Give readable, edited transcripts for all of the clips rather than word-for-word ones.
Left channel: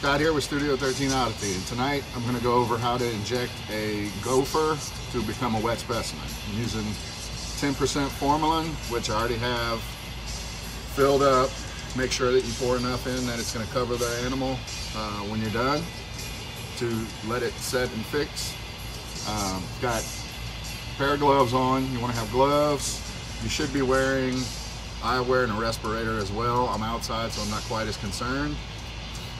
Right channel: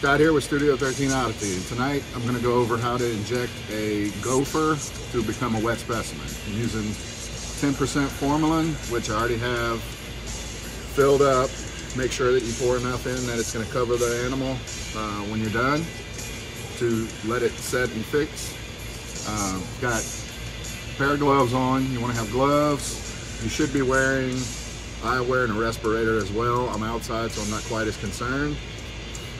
Scott here with Studio 13 Oddity, and tonight I'm going to go over how to inject a gopher to become a wet specimen. I'm using 10% Formalin, which I already have filled up. Make sure that you pour enough in that it's going to cover the animal when you're done to let it set and fix. Got a pair of gloves on. You want to have gloves. You should be wearing eyewear and a respirator as well. I'm outside, so I'm not quite as concerned.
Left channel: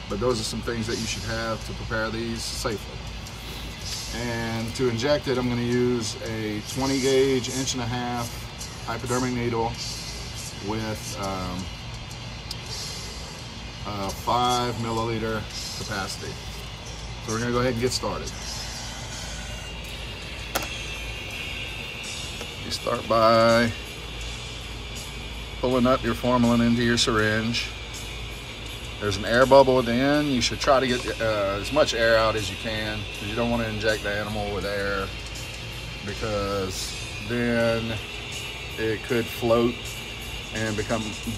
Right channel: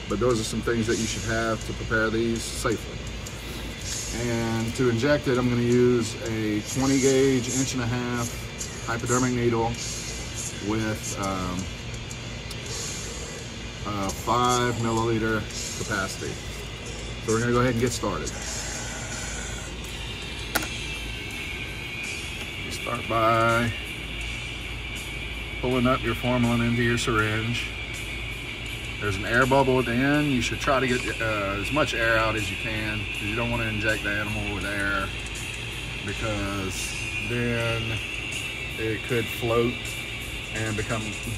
But those are some things that you should have to prepare these safely. And to inject it, I'm going to use a 20 gauge, 1.5" hypodermic needle with 5 milliliter capacity. So we're going to go ahead and get started. You start by pulling up your Formalin into your syringe. There's an air bubble at the end. You should try to get as much air out as you can. You don't want to inject the animal with air because then it could float and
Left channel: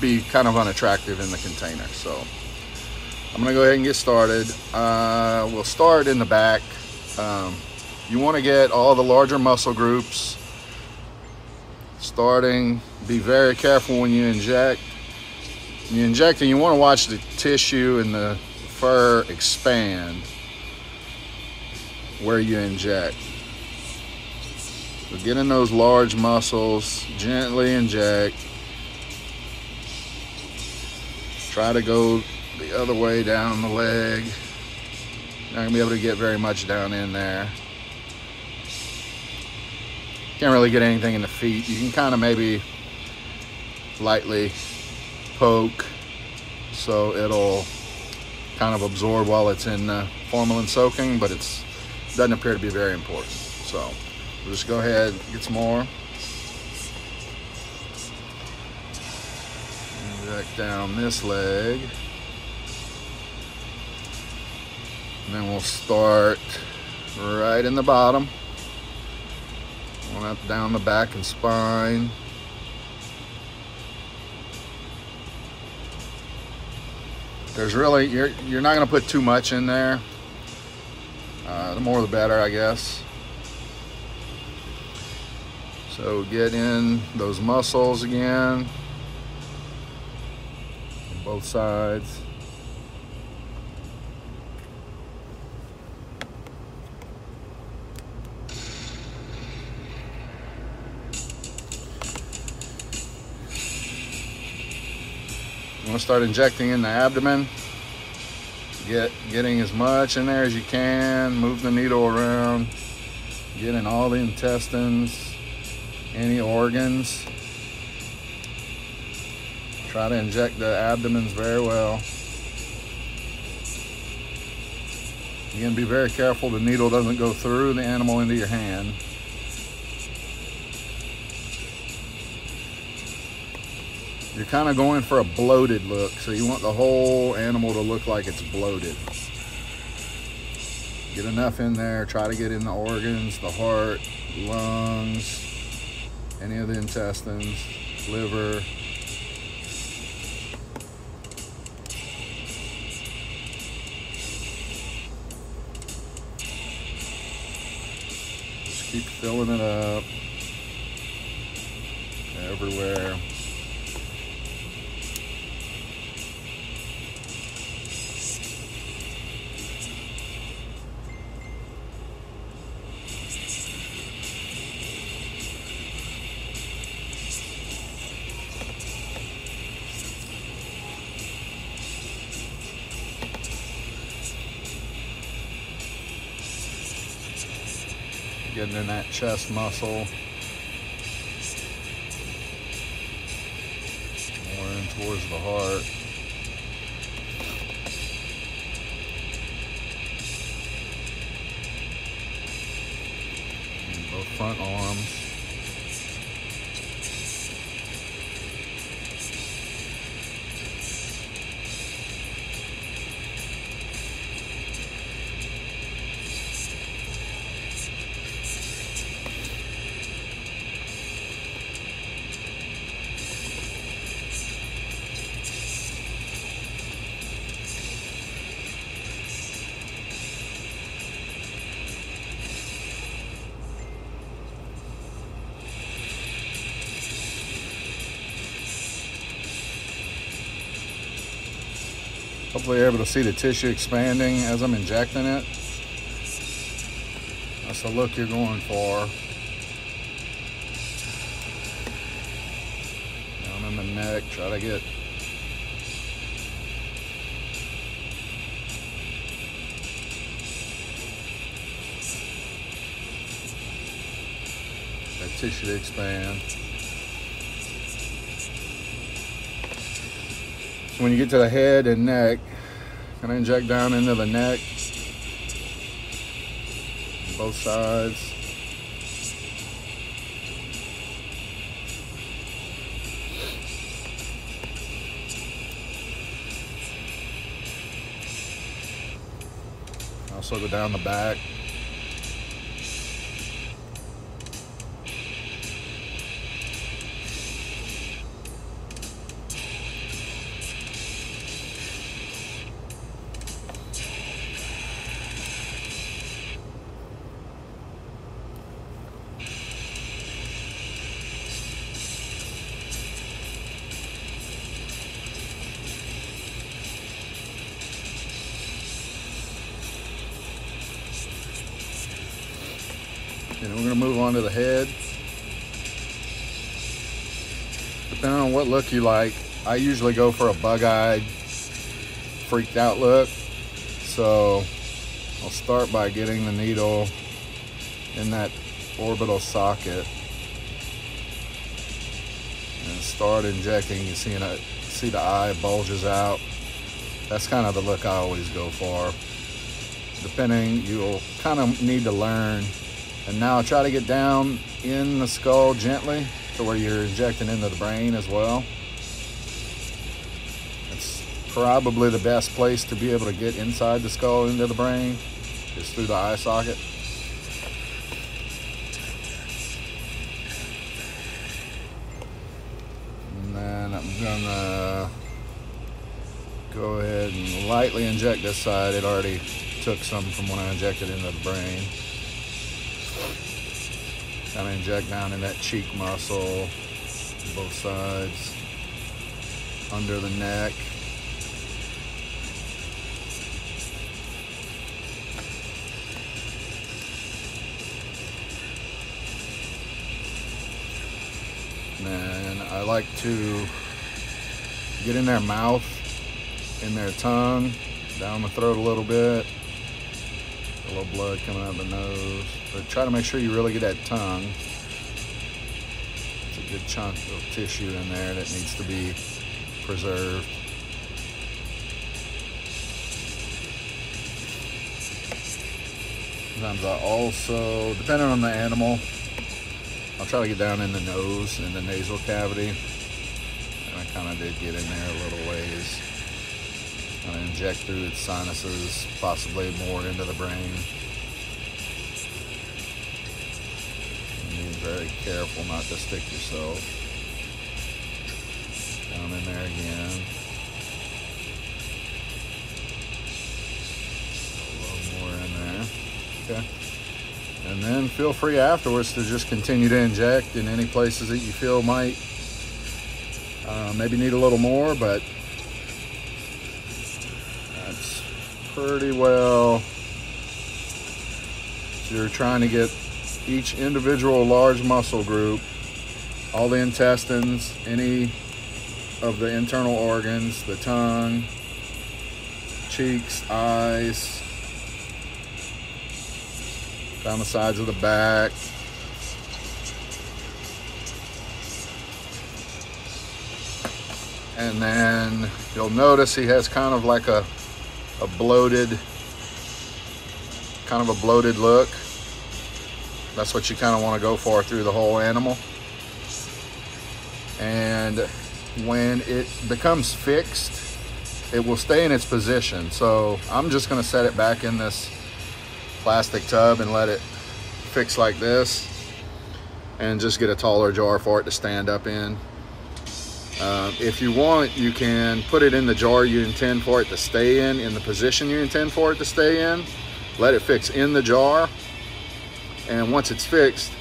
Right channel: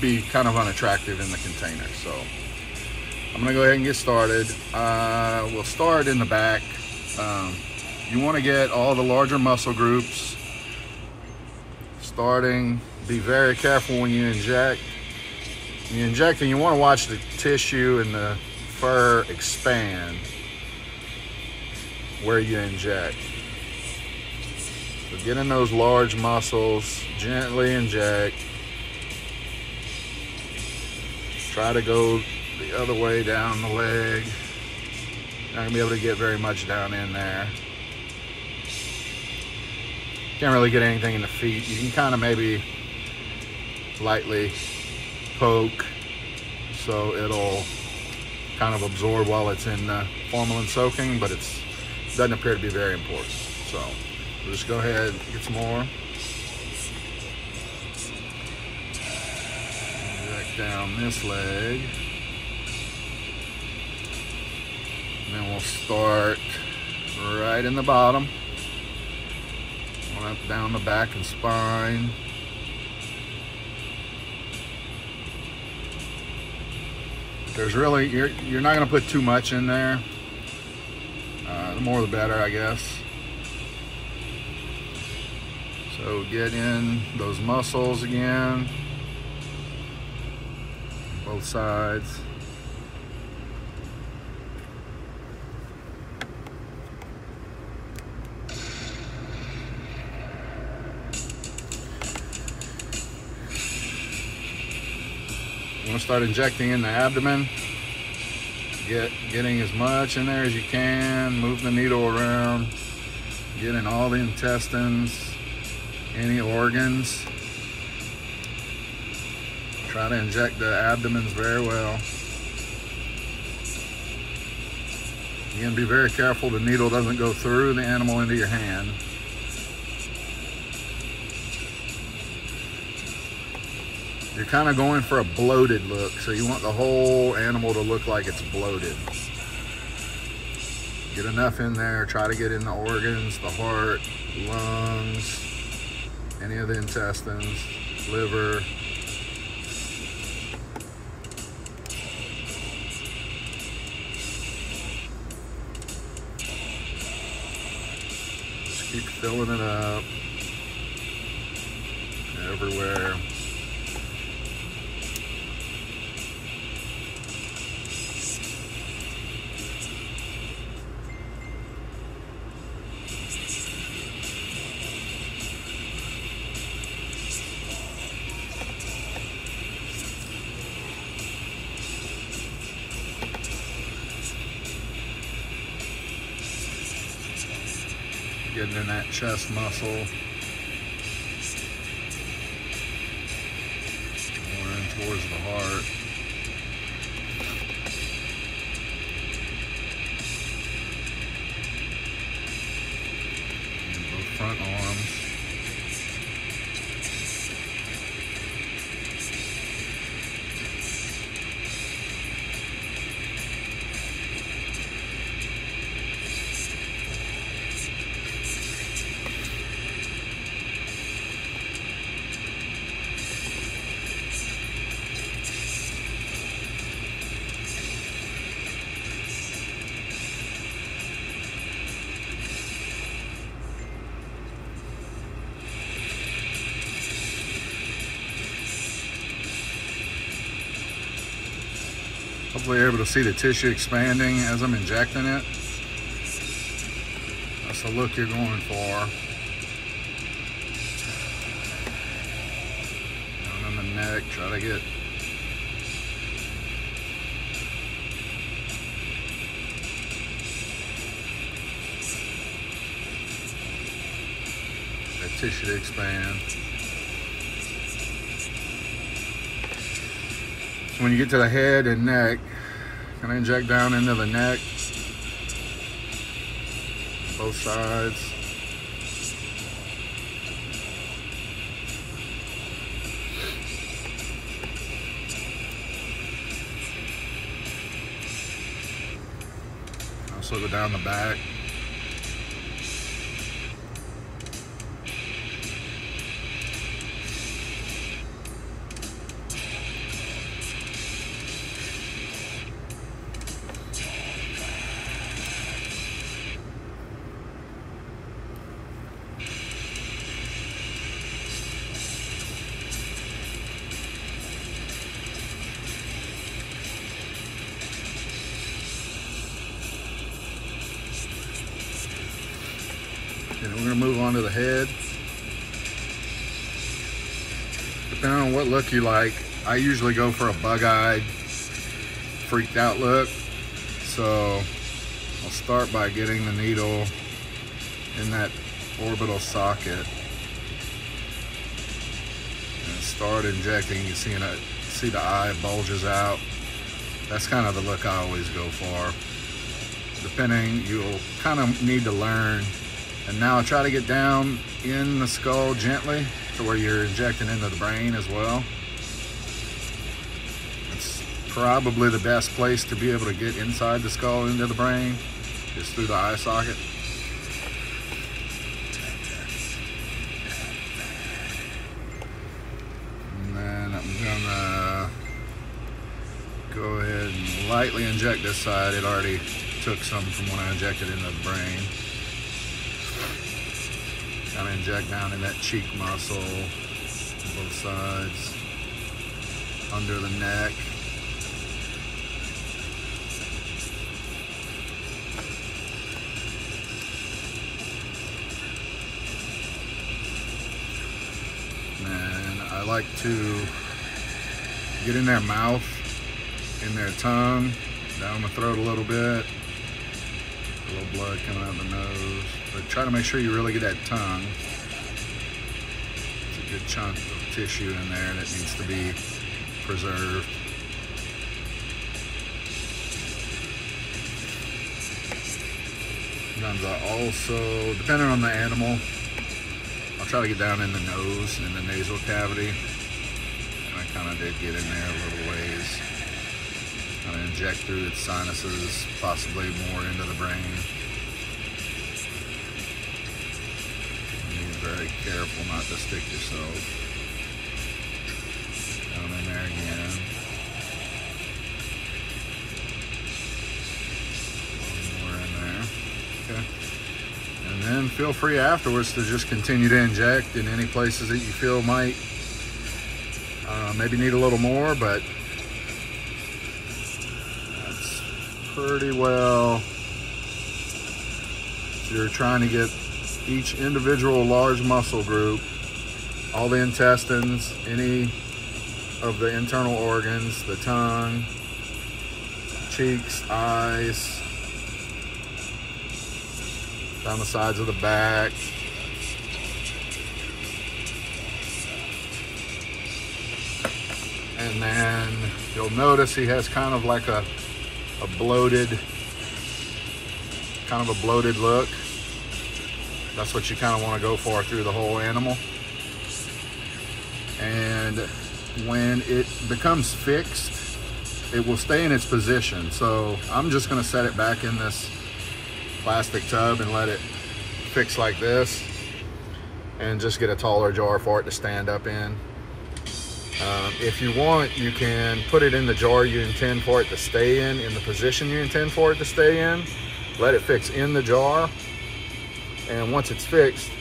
be kind of unattractive in the container. So I'm gonna go ahead and get started. We'll start in the back. You want to get all the larger muscle groups starting. Be very careful when you inject. When you inject, and you want to watch the tissue and the fur expand where you inject. So get in those large muscles, gently inject. Try to go the other way down the leg. Not gonna be able to get very much down in there. Can't really get anything in the feet. You can kind of maybe lightly poke so it'll kind of absorb while it's in Formalin soaking, but it doesn't appear to be very important. So we'll just go ahead and get some more. Back down this leg. And then we'll start right in the bottom. Going up down the back and spine. There's really, you're not going to put too much in there. The more the better, I guess. So get in those muscles again, both sides. I'm going to start injecting in the abdomen. Getting as much in there as you can. Move the needle around. Get in all the intestines, any organs. Try to inject the abdomens very well. Again, be very careful the needle doesn't go through the animal into your hand. You're kind of going for a bloated look, so you want the whole animal to look like it's bloated. Get enough in there, try to get in the organs, the heart, lungs, any of the intestines, liver. Just keep filling it up everywhere. Getting in that chest muscle. More in towards the heart. And both front arms. Hopefully you're able to see the tissue expanding as I'm injecting it. That's the look you're going for. Down in the neck, try to get that tissue to expand. So when you get to the head and neck, gonna inject down into the neck, both sides. Also go down the back. And we're going to move on to the head. Depending on what look you like, I usually go for a bug-eyed, freaked out look. So I'll start by getting the needle in that orbital socket and start injecting. You see the eye bulges out. That's kind of the look I always go for. Depending, you'll kind of need to learn. And now try to get down in the skull gently to where you're injecting into the brain as well. It's probably the best place to be able to get inside the skull into the brain, is through the eye socket. And then I'm gonna go ahead and lightly inject this side. It already took some from when I injected into the brain. I'm gonna inject down in that cheek muscle, both sides, under the neck. And I like to get in their mouth, in their tongue, down the throat a little bit. A little blood coming out the nose. But try to make sure you really get that tongue. It's a good chunk of tissue in there that needs to be preserved. Sometimes I also, depending on the animal, I'll try to get down in the nose, in the nasal cavity. And I kind of did get in there a little ways. And inject through its sinuses, possibly more into the brain. Be very careful not to stick yourself. Down in there again. A little more in there. Okay. And then feel free afterwards to just continue to inject in any places that you feel might maybe need a little more, but pretty well. So you're trying to get each individual large muscle group, all the intestines, any of the internal organs, the tongue, cheeks, eyes, down the sides of the back. And then you'll notice he has kind of like a bloated look. That's what you kind of want to go for through the whole animal. And when it becomes fixed, it will stay in its position. So I'm just going to set it back in this plastic tub and let it fix like this, and just get a taller jar for it to stand up in. If you want, you can put it in the jar you intend for it to stay in the position you intend for it to stay in. Let it fix in the jar, and once it's fixed,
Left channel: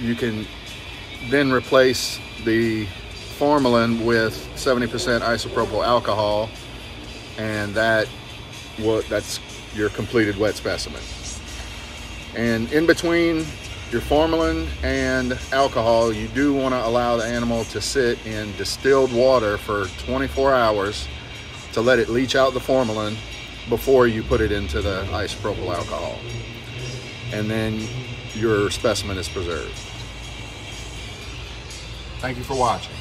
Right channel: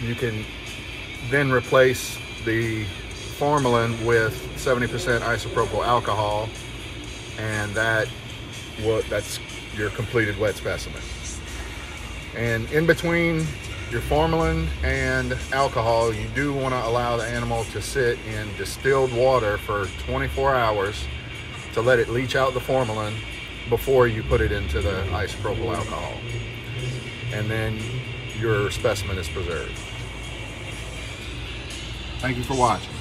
you can then replace the formalin with 70% isopropyl alcohol, and that's your completed wet specimen. And in between your formalin and alcohol, you do want to allow the animal to sit in distilled water for 24 hours to let it leach out the formalin before you put it into the isopropyl alcohol. And then your specimen is preserved. Thank you for watching.